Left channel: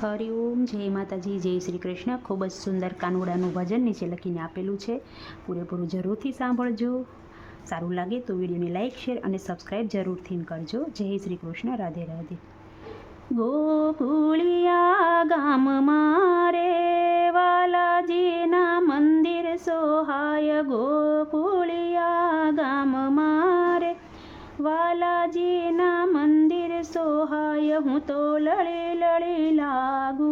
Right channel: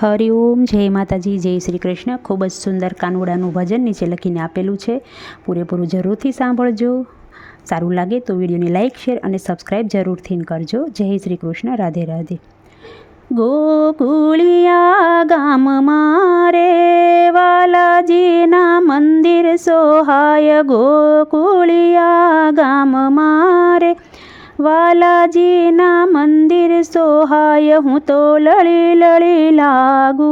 હરિઓમ, જય માતાજી, જય શ્રી કૃષ્ણ. ખૂબ જ સુંદર કાનુડાનું ભજન નીચે લખીને આપેલું છે. પૂરેપૂરું જરૂરથી સાંભળજો. સારું લાગે તો વિડીયોને લાઇક શેર અને સબસ્ક્રાઈબ જરૂરથી કરજો. જય શ્રી કૃષ્ણ. રાધે રાધે. ગોકુળિયા ગામ મારે વાલાજીના મંદિર, સોહાય ગોકુળિયા ગામ મારે વાલાજીના મંદિર સોહાય હું તો લળી લળી લાગુ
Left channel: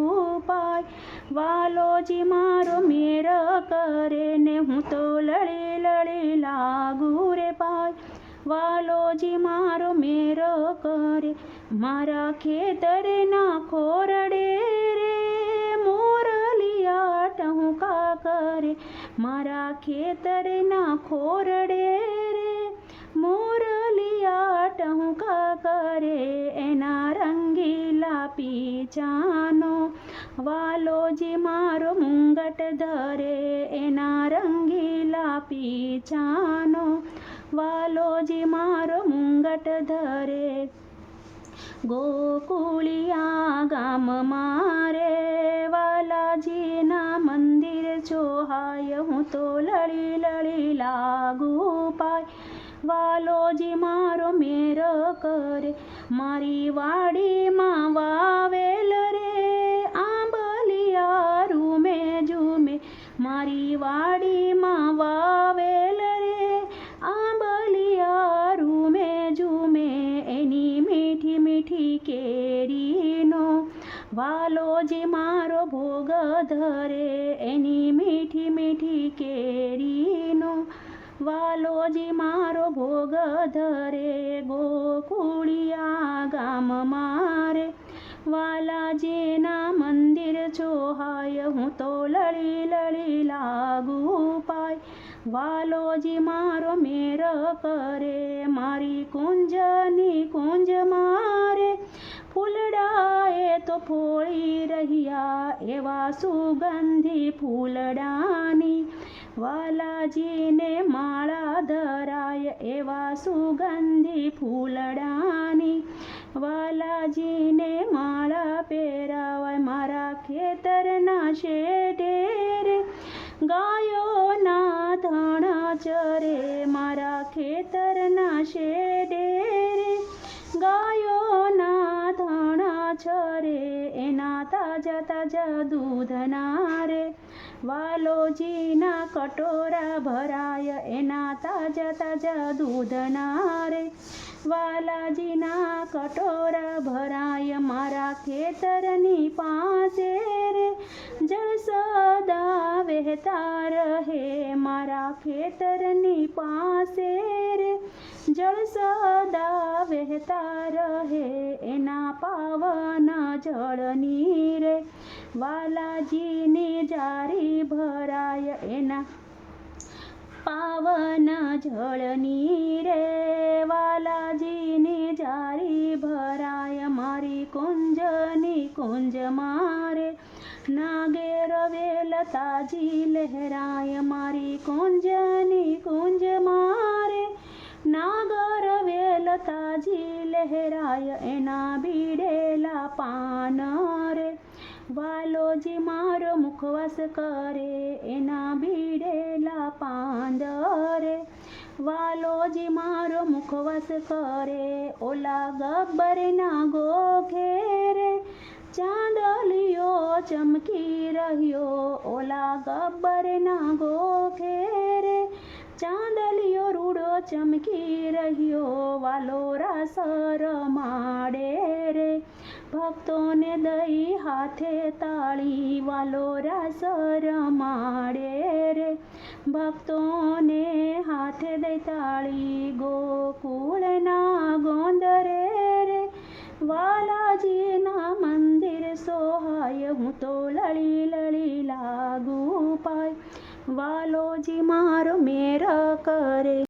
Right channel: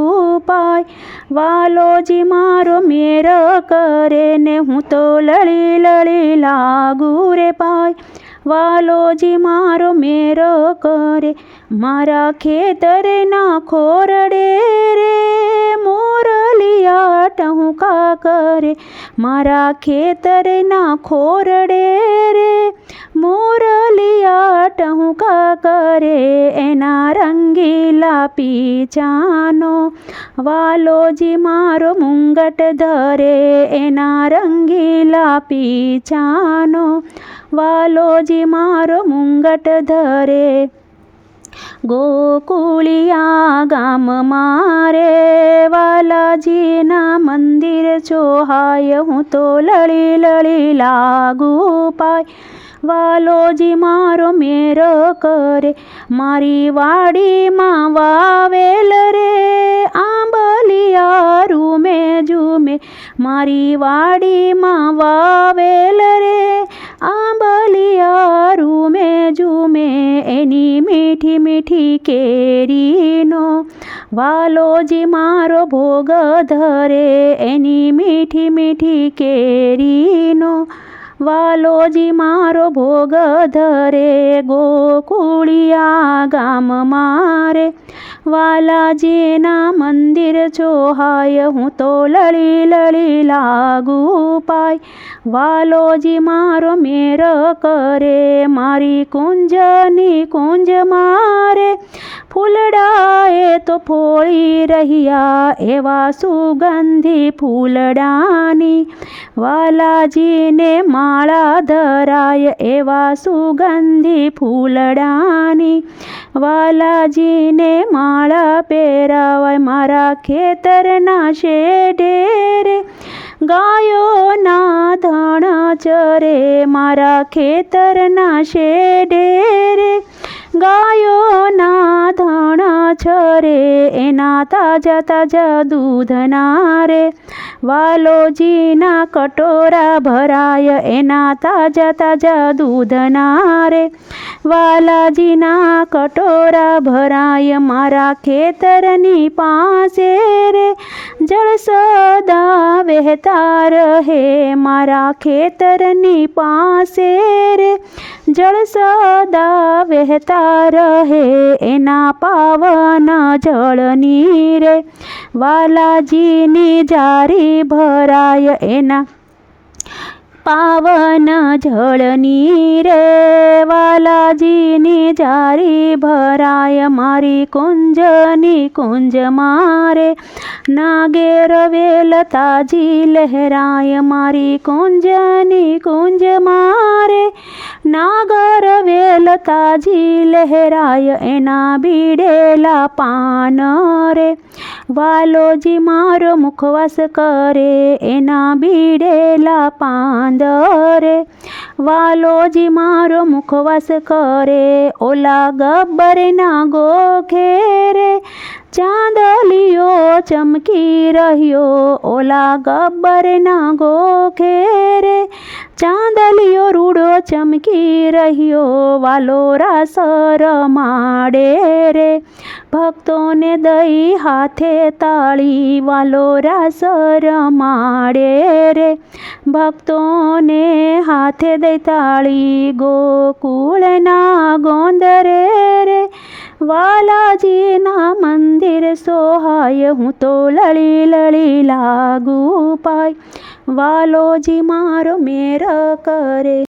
પાય. વાલોજી મારો મેર કરે ને હું તો લળી લળી લાગુ રે પાય. વાલોજી મારો મેર કરે મારા ખેતરના ખોરડે રે. મોરલિયા ટહુકા કરે મારા ખેતરના ખોરડે રંગીલા ચાનો વાલોજી મારો મુંગટ ધરે, એના રંગીલા પીચાનો વાલોજી મારો મુંગટ ધરે, ગોકુળિયા ગામ મારે. વાલાજીના મંદિર ચોહાય, હું તો લળી લળી લાગુ પાય. વાલોજી મારો મેર કરે, મારી વાડીમાં વાવેલ રે. આંબલિયારું રૂમે ઝૂમે મારી વાડીમાં વાવેલ રે. આંબલિયારું રૂમે ઝૂમે એની મીઠી મીઠી કેરીનો. વાલોજી મારો ભોગ ધરે, એની મીઠી મીઠી કેરીનો. વાલોજી મારો ભોગ ધરે, ગોકુળિયા ગામ મારે. વાલાજીના મંદિર ચોહાય, હું તો લળી લળી લાગુ પાય. વાલોજી મારો મેર કરે, મારી કુંજની કુંજ મારે. ફૂલડાએ તો ફોળી રહ્યા એવા સુગંધી ફૂલડાની. વાલાજીને માળા ધરાય એવા સુગંધી ફૂલડાની. વાલાજીને માળા પહેરાવાય મારા ખેતરના શેઢેરે ગાયોના ધણ ચરે મારા ખેતરના શેઢેરે ગાયોના છરે, એના તાજા તાજા દૂધના રે વાલોજીના કટોરા ભરાય, એના તાજા તાજા દૂધના રે વાલાજીના કટોરા ભરાય, મારા ખેતરની પાસે રે. જળ સદા વહેતા રહે, મારા ખેતરની પાસે રે. જળ સદા વહેતા રહે, એના પાવન જળની રે વાલાજીની જારી ભરાય, એના પાવન જળની રે વાલાજીની જારી ભરાય, મારી કુંજની કુંજ મારે. નાગેર વેલ તાજી લહેરાય, મારી કુંજની કુંજ મારે નાગર વેલતાજી લહેરાય એના બીડેલા પાન રે વાલોજી મારો મુખવાસ કરે એના બીડેલા પાંદરે વાલોજી મારો મુખવાસ કરે ઓલા ગબ્બરના ગોખે રે ચાંદલિયો ચમકી રહ્યો ઓલા ગબ્બરના ગોખે રે ચાંદલિયો રૂડો ચમકી રહ્યો વાલો રાસ રમાડે રે ભક્તોને દઈ હાથે તાળી વાલો રાસ રમાડે રે ભક્તોને હાથે દઈ તાળી ગોકુળના ગોંદરે રે વાલાજીના મંદિર સોહાય હું તો લળી લળી લાગુ પાય વાલોજી મારો મેર કરે.